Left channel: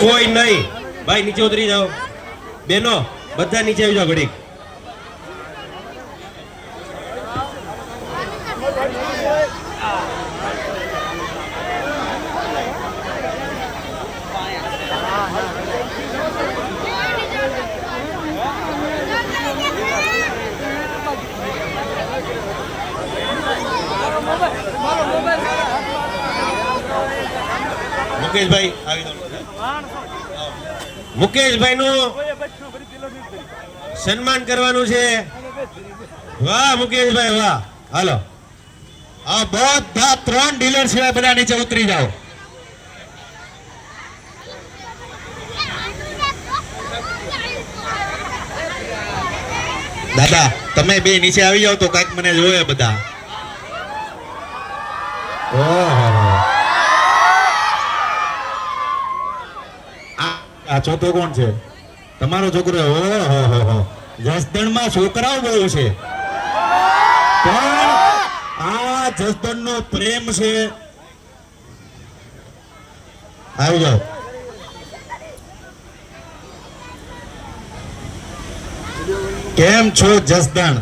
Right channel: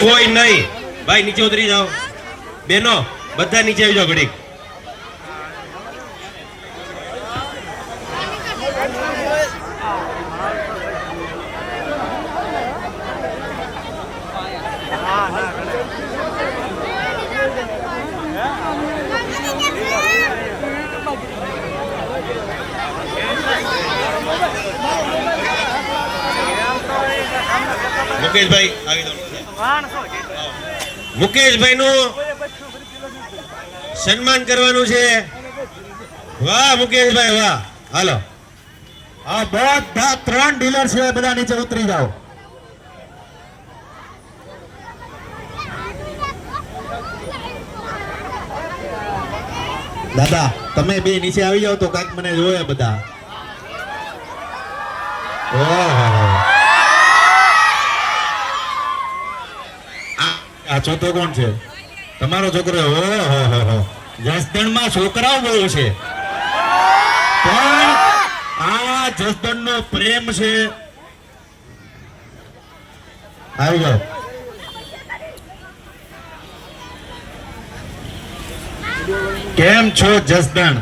કોઈ નહીં ભાઈ, નીચે ઉતરી જાઓ બેનો, બધા નીચે આવી જાઓ ઘડીક. મુકેશભાઈ મુકેશભાઈ નું સન્માન કરવાનું છે. વાહ મુકેશભાઈ વાહ. હાલો આ બધા 3 ડીલર છે, બધા નીચે ઉતરી જાઓ. દાદા તમે બે નીચે આવી જાઓ તો કાંઈક મને જોવે બધા. આ ચોથો કોણ છે? તમારો છોકરો. ઓહો જસદણમાં છોકરાઓ બહુ છે, પણ આ જસદણ નો પ્રેમ છે. આવી જાઓ. કેમ છો જસદણ?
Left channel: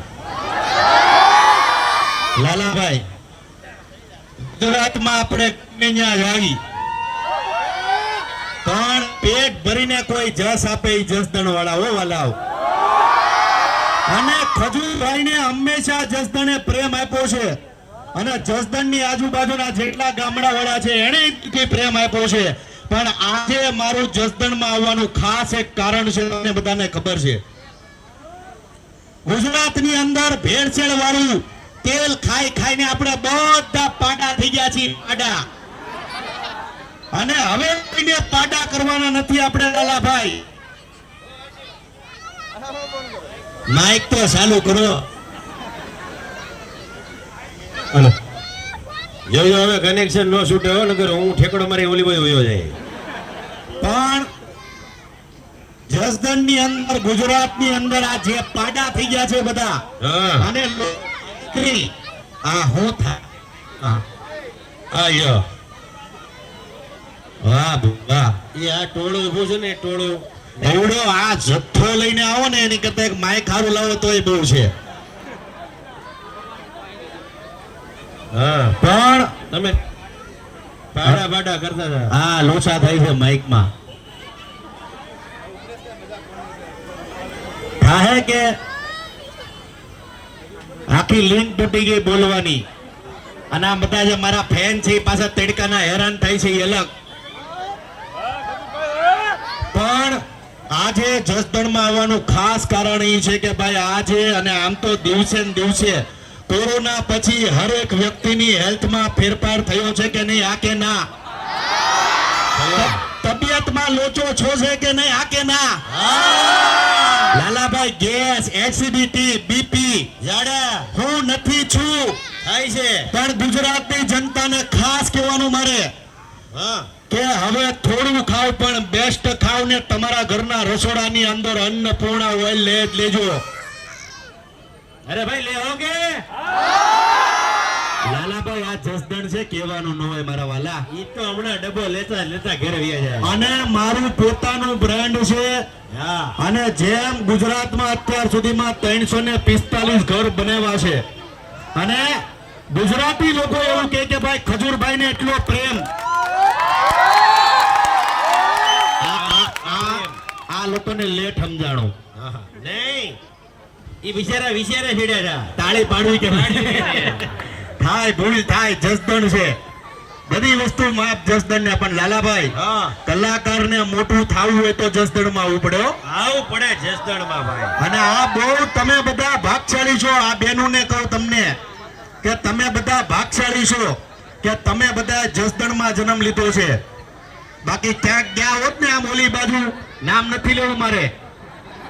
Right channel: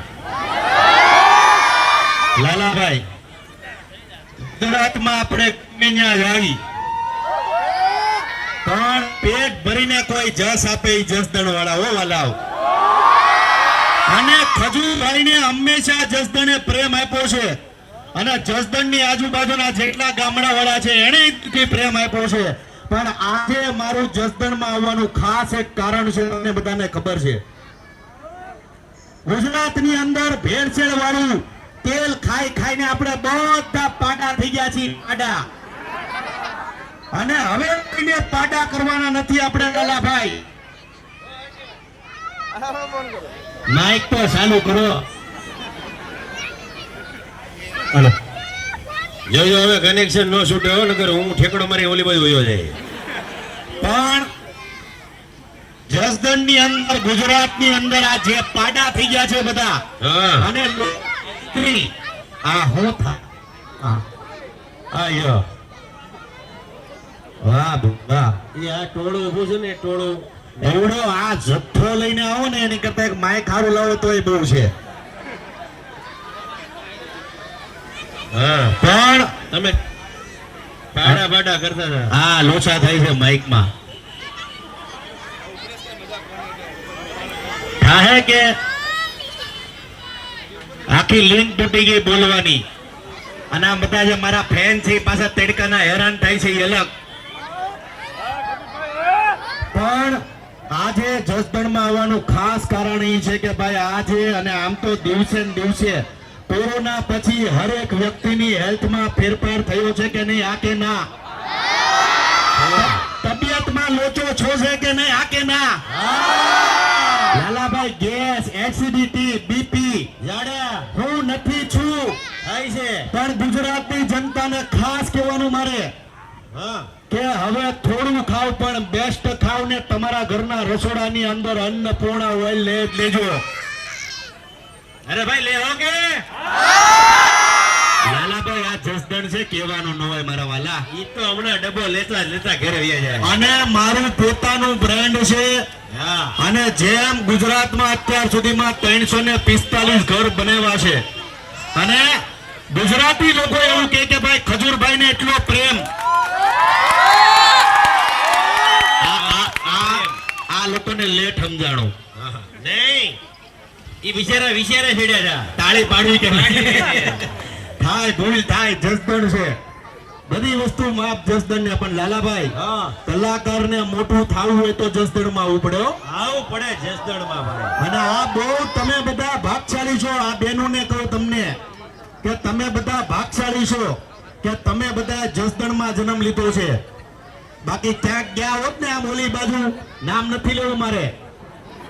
લાલાભાઈ ગુજરાતમાં આપણે આવી પણ પેટ ભરીને કોઈ જસ આપે એ જસદણ વાળા હો વાલાઓ. અને ખજૂરભાઈને હંમેશા જસદણે પ્રેમ આપ્યો છે, અને જસદણની આજુબાજુના જેટલા ગામડા વાળા છે એને પ્રેમ આપ્યો છે. પણ આજે મારું જસદણમાં આવવાનું ખાસ એક કારણ છે, તમને બધાને ખબર છે. ગુજરાતની અંદર ભેળસેળ વાળું તેલ ખાઈ ખાઈને આપણે બધા પાડા થઈ ગયા છીએ, પાડા. અને હવે કોઈને પાડા કરવાના નથી આપણે લાલાભાઈ. માઇક તો ચાલુ કરો. હાલો જોજો હવે કનેક્શન નો છૂટે હો, નકર હું ઠેકડો મારી ઓલી બાજુ વયો જાય. પણ જસદણની અંદર ગુજરાતની અંદર આ જે પાડા થઈ ગયા છે બધા, અને આ હું થાય વાહ વાહ. એ આ ટોળું ઉભું છે ને, ટોળું એવડો આ જથ્થો લઈને આવો ને એની કરતા એક માઇક હારું લાવો તોય બહુ છે. પણ તમે પાડા પાડા કરતા હતા. હા લોચા થાય છે માઇકમાં. થાય કે આખી લિંક તૂટી ગઈ બોલવાની. અને આ બધા જે મારા ફેન છે એ પાછા તડકાના હેરાન થાય છે એ અલગ. પણ આજે જસદણમાં આવવાનું ખાસ કારણ એ છે કે ભાઈ આજે, અને આમ તો દિવસે ને દિવસે કોરોના પછી હરેક વ્યક્તિની હેલ્થમાં ફેરફાર થયો છે કે નહીં? આ કે ના? તબિયતમાં લોચો છો છે કે નહીં? આ કે ના? લાલાભાઈ ગેસ, એસિડિટી, બીપી હું નથી છું થાય છે. પણ ગુજરાતની જનતાને ખાસ કહેવાનું મારે કે હવે થોડું ખાવ પણ બેસ્ટ ખાવ ને તમારા ઘરના રસોડાની અંદર અન્નપૂર્ણા ઓઇલ લેજો. અરે ભાઈ લેવો કે લાલાભાઈ આ જસદણ છે કહેવાનું ન હોય મારા વાલા. ઈ તો હમણાં ડબ્બો લેતા લેતા ઘરે આવ્યા છે. અને મારું પોતાનું બ્રાન્ડ છે. અને જેમ ગુજરાતમાં અત્યાર સુધીમાં 345 ઘર બનેવા છે, અને ગુજરાતી લોકો એવું કહે કે ભાઈ ખજૂરભાઈ ને એટલો પ્રેમ. આ લોકોને લેટ સમજાણો નહીં, એ બિચારા વિચારે છેડ્યા હતા તાળી પાડવી કે થાય ભૂલ થાય. જસદણ છે બધી વસ્તુ માપ જસદણ ને. પણ લાલાભાઈ કલાકાર ને મોટું થવું હોય તો જસદણ માં આવવું પડે. આવવું પડે જસદણ માં ભાઈ. અને આ બહુ તમે બધા ભાગશાળી છો. આ બહેનો ને કહું તમને કે તમે બધા ભાગશાળી છો કે તમે બધા જસદણ માં જન્મ લીધો છે. બાકી ક્યાંક ગયા હોત ને આમ ઓલી બાજુ, નામ નથી લેવું મારે,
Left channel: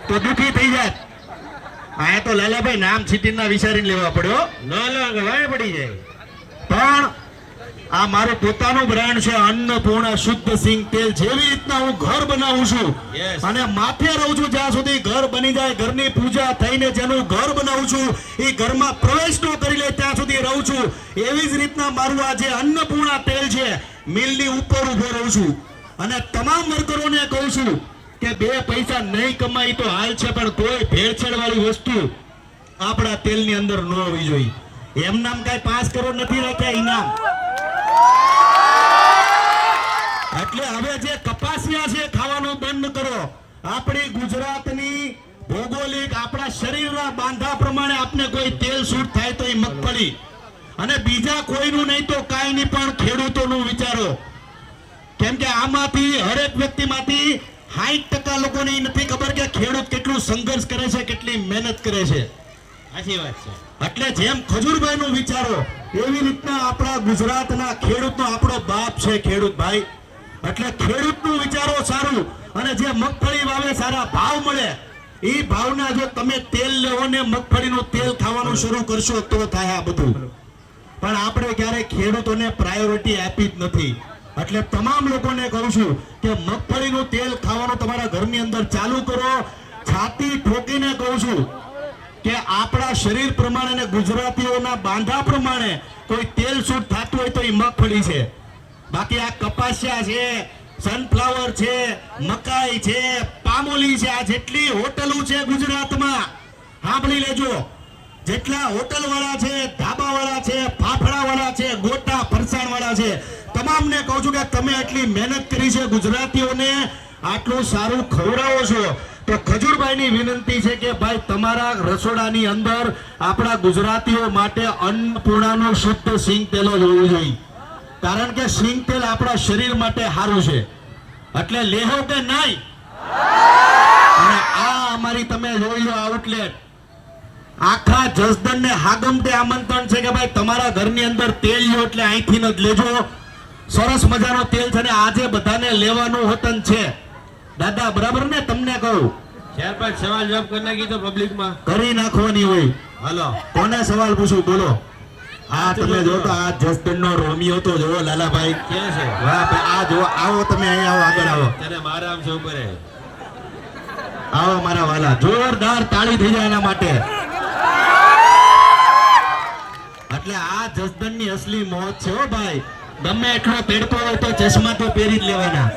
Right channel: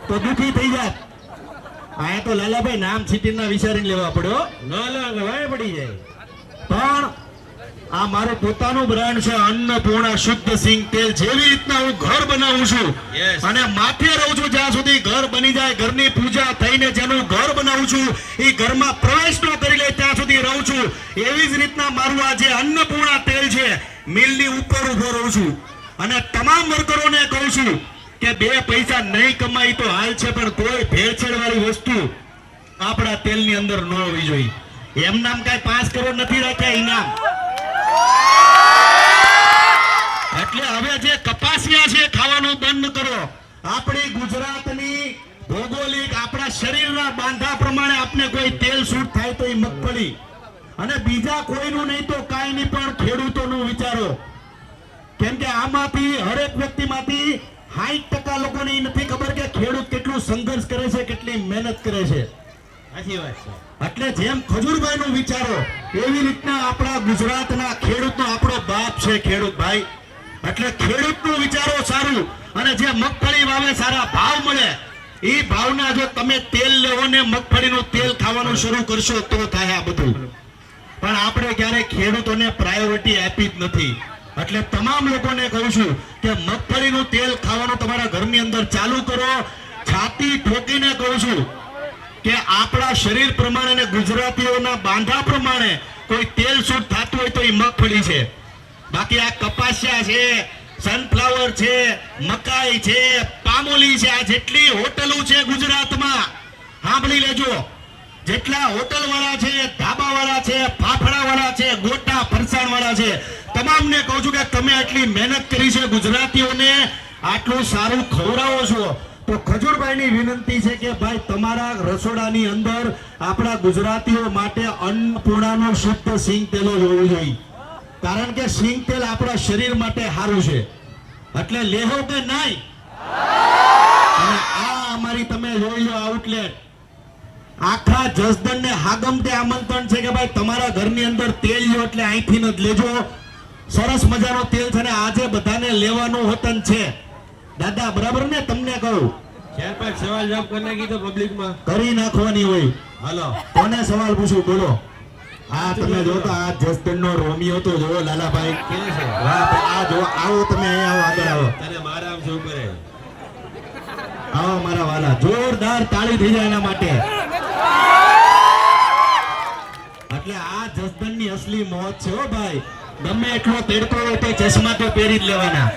તો દુખી થઈ જાત. આ તો લાલાભાઈ નામ સિટીના વિચારીને લેવા પડ્યો, ન લેવા પડી જાય. પણ આ મારું પોતાનું બ્રાન્ડ છે અન્નપૂર્ણા શુદ્ધ સિંગ તેલ. જેવી રીતના હું ઘર બનાવું છું અને માથે રહું છું જ્યાં સુધી ઘર બની જાય, ઘરની પૂજા થઈને જેનું ઘર બનાવું છું એ ઘરમાં પ્રવેશ ન કરી લે ત્યાં સુધી રહું છું. એવી જ રીતના મારું આ જે અન્નપૂર્ણા તેલ છે મિલની ઉપર ઉભો રહું છું. અને તમામ વર્કરોને કહું છું કે 2 પૈસા નહીં કમાઈ તો હાલ છે, પણ કોઈ ભેળસેળ વાળી વસ્તુ આપણા તેલની અંદર ન હોવી જોઈએ. એમ નામ કઈ 5 કરોડ નથી રાખ્યા ઇનામ. એટલે હવે જે કપાસિયા છે ખાવાનું બંધ કરો. આપણી ગુજરાતની ભૌગોલિક આપણા શરીરના બાંધા પ્રમાણે આપણે કોઈ તેલ શૂટ થાય તો એ મગફળી, અને બીજા કોઈનું નહીં તો કાંઈ નહીં, પણ ખેડૂતોનું વિચારો. કેમ કે આમાંથી હરેક વ્યક્તિમાંથી 60% લોકોને એ નથી ખબર કે ખેડૂત કેટલું સંઘર્ષ કરે છે, કેટલી મહેનત કરે છે. સાચી વાત છે. એટલે જેમ ખજૂરભાઈનું વિચારો એવી રીતના આપણા ગુજરાતના ખેડૂતનો આપણો બાપ છે ખેડૂત ભાઈ. એટલે ખેડૂતનું વિચારો સારું, અને જે મગફળી વાવે સારા ભાવ મળે એ ભાવના જો તમે તેલ લેવો ને મગફળીનું તેલ ખાવાનું શરૂ કરશો તો થાય આ બધું. પણ આપણે ક્યારેય ખેડૂતોને પ્રાયોરિટી આપી જ નથી. એટલે તમામ લોકોને કહું છું કે મગફળીનું તેલ ખાવાનું તમારા ઘરની અંદર ચાલુ કરો. છાતી ઠોકીને કહું છું કે આપણા શરીર પ્રમાણે અને ગુજરાતીઓના બાંધા પ્રમાણે કોઈ તેલ શૂટ થતું હોય તો એ મગફળી છે. બાકી આ કપાસિયા છે, સનફ્લાવર છે, મકાઈ છે, પામોલી છે, આ જેટલી હોટલો છે ગુજરાતમાં સાંભળી લેજો. જેટલા હોટલ વાળા છે, ધાબા વાળા છે, ફાફડા વાળા છે, ગોટા ફરસાણ વાળા છે, તમામને કહું છું કે તમે એટલી મહેનત કરી છે, ગુજરાતીઓને આટલું સારું ખવડાવો છો, તો ખજૂરભાઈની વિનંતી છે કે ભાઈ તમારા રસોડાની અંદર આપણા ગુજરાતીઓ માટે અન્નપૂર્ણાનું શુદ્ધ સિંગ તેલ જ હોવું જોઈએ. કારણ કે સિંગ તેલ આપણા શરીર માટે સારું છે. એટલે લેહો કે નહીં. અને આ અમારી તમે જોઈ લો આઉટલેટ, આખા જસદણને હાગમટે આમંત્રણ છે કે ભાઈ તમારા ઘરની અંદર તેલ લો એટલે અહીંથી જ લેજો. સરસ મજાનો તેલ છે ને આજે બધાને લેવાનું હોતન છે. દાદા બરાબર ને? તમને કહું 4-5 સવાલ જવાબ કરી નાખી તો પબ્લિકમાં કરી નાખવાની હોય. હાલો કોને સવાલ પૂછું બોલો. આ તમે જો તો આ જસદણનો રોમિયો તો જો લાલાભાઈ ક્યાં છે? વાહ આ જો આવો તમે અહીંયા આવો, આગળ આવો, તને મારા આમ છે ઉપર આવો મારા વાલા. જોરદાર તાળી થઈ જાય એના માટે. એટલે આ જસદણની અસલી મોજ છે હો ભાઈ. ગમે એટલો પહેરતો હોય તો ચશ્મા તો પહેરી જ લેવાના.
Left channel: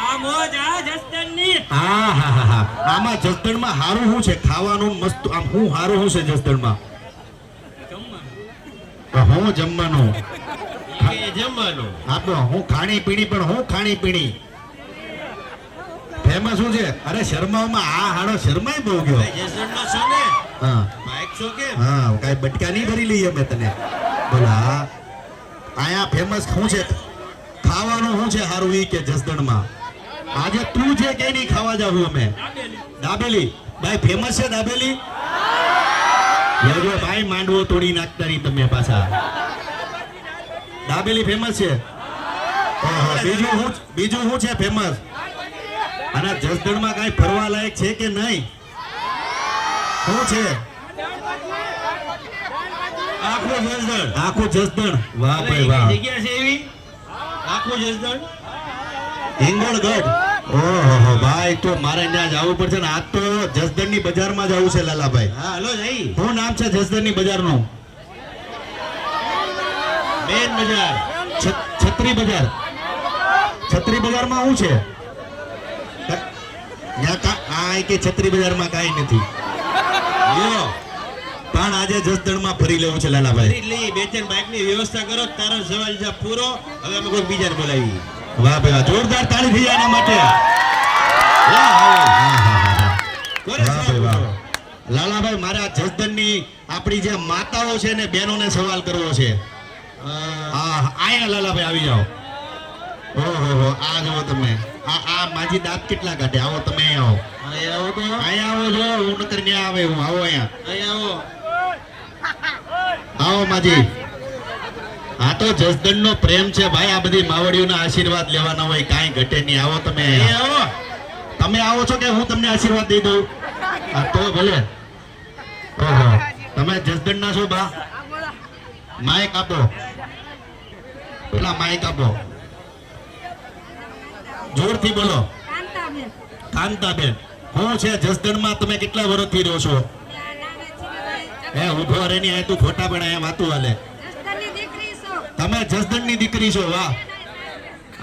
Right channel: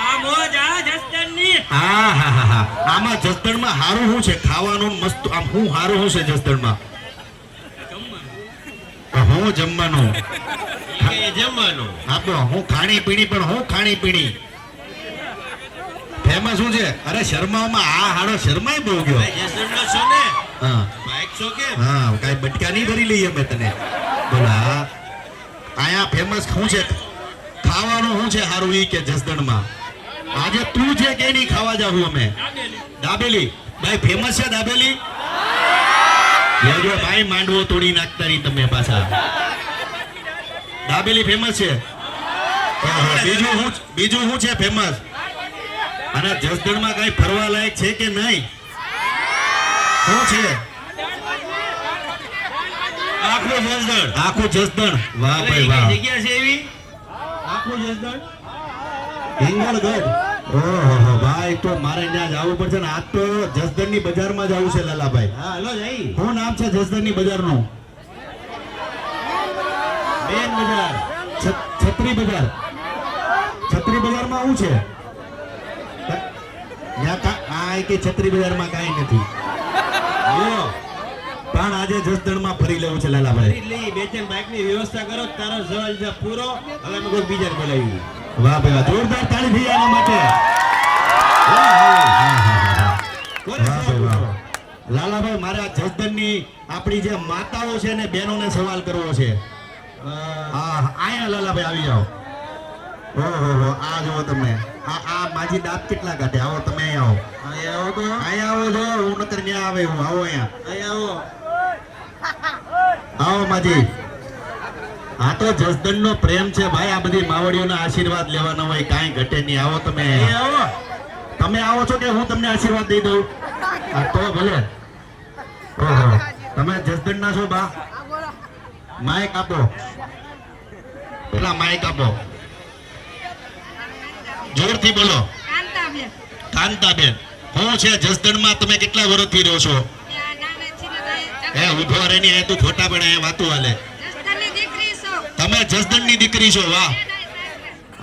આ મોજ આ જસદણની. હા હા હા હા. આમાં જસદણમાં હારું શું છે ખાવાનું મસ્ત? આમ શું હારું શું છે જસદણમાં? હું જમવાનું કે જમવાનું આપો. હું ખાણી પીણી, પણ હું ખાણી પીણી ફેમસ શું છે? અરે શર્મામાં આ હાડો શર્માય બહુ ગયો. ભાઈ જસદણમાં છો ને? હા બાઈક છો કે? હા, કાઈ બટકા નહીં ભરી લઈએ અમે તને. બોલો હા. આયા ફેમસ શું છે ખાવાનું? શું છે હારું ઈ કે જસદણમાં? આજે તું જે કે નહીં ખાવા જાવું અમે. દાબેલી ભાઈ ફેમસ છે. દાબેલી ભાઈ માંડવો તોડી નાખતા નહીં તમે પાછા. દાબેલી ફેમસ છે. બીજું શું છે ફેમસ? અને જસદણમાં કઈ ફરવા લાયક છે કે નહીં? શું છે? આખું જસદણ. આખું જસદણ. વાહ અરે, ભાઈ કઈ વાહ. જગ્યા છે એવી? આખું જસદણ. હિંગળગઢ. ઓહો ભાઈ, તો મારે ત્યાં જવું પડશે ને. આજ તો જસદણની બજારમાં જવું છે લાલાભાઈ. હા હલો જઈ. શું નામ છે જસદણની બજારનું? મેન બજાર. છત્રી બજાર. છત્રી બજારમાં શું છે? આ કે છત્રી બજારમાં કાંઈ નથી. લ્યો, પણ આજે જસદણમાં ફરી લેવું છે લાલાભાઈ. એટલે બે ત્રણ બાઇક ની વ્યવસ્થા કરો. તારો સવાલ છે પૂરો. હવે અમે કોઈ બીજાને બોલાવી. વાહ ભાઈ વાહ. જોરદાર તાળી થઈ એના માટે. વાહ ભાઈ વાહ. લાલાભાઈ, મારે આ જસદણની આપણી જે માતાઓ છે ને બહેનોને સવાલ કરવો છે. આયા લાલાભાઈ આવી જાઓ. ઓહો આ જો તમે. આ માજી દાંત કેટલા કાઢે? આવો તમે અહીંયા આવો. અહીંયા આવો છો. હું નકર ન્યા આવે. હું આવો અહીંયા. આવો માજી. આ તો જસદણનો પ્રેમ છે ભાઈ. આ બધી માવડીઓના આશીર્વાદ લેવાના હોય, કાંઈ ઘટે નહીં. આવો તમે. આવો. તમે આવો છો કે હું તમને આશીર્વાદ દઈ દઉં? આ તો ભલે. ઓહો, તમે જસદણના છો બા? માઈક આપો. પેલા માઈક આપો. જોરથી બોલો. કાંતાબેન. હું છે જસદણમાં તમે કેટલા વર્ષથી રહો છો? ઉભો રે ની. તું ખોટા પણ અહીંયા વાતું હાલે. તમે જસદણની દીકરી છો. વાહ.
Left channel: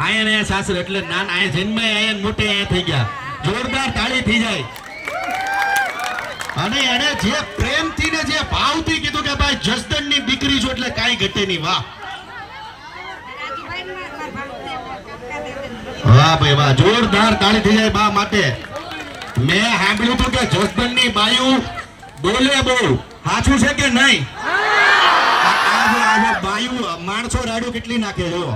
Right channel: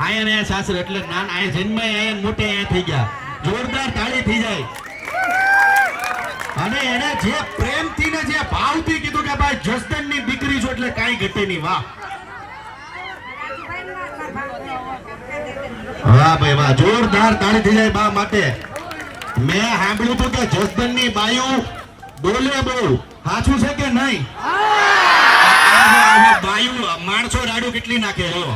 આયા ને સાસરે એટલે નાના આયા જન્મે આયા ને મોટે આયા થઈ ગયા. જોરદાર તાળી થઈ જાય. અને એને જે પ્રેમથી ને જે ભાવથી કીધું કે ભાઈ જસદણની દીકરી છો એટલે કાંઈ ઘટે નહીં. વાહ વાહ ભાઈ વાહ, જોરદાર તાળી થઈ જાય બા માટે. મેં સાંભળ્યું હતું કે જસદણની બાયું બોલે બહુ. સાચું છે કે નહીં? બાયું માણસો રાડું કેટલી નાખે હો.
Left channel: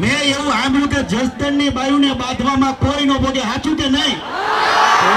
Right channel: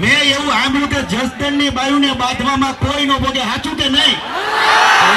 મેં એવું સાંભળ્યું કે જસદણની બાયુને બાંધવામાં કોઈ ન ભોગે. સાચું કે નહીં?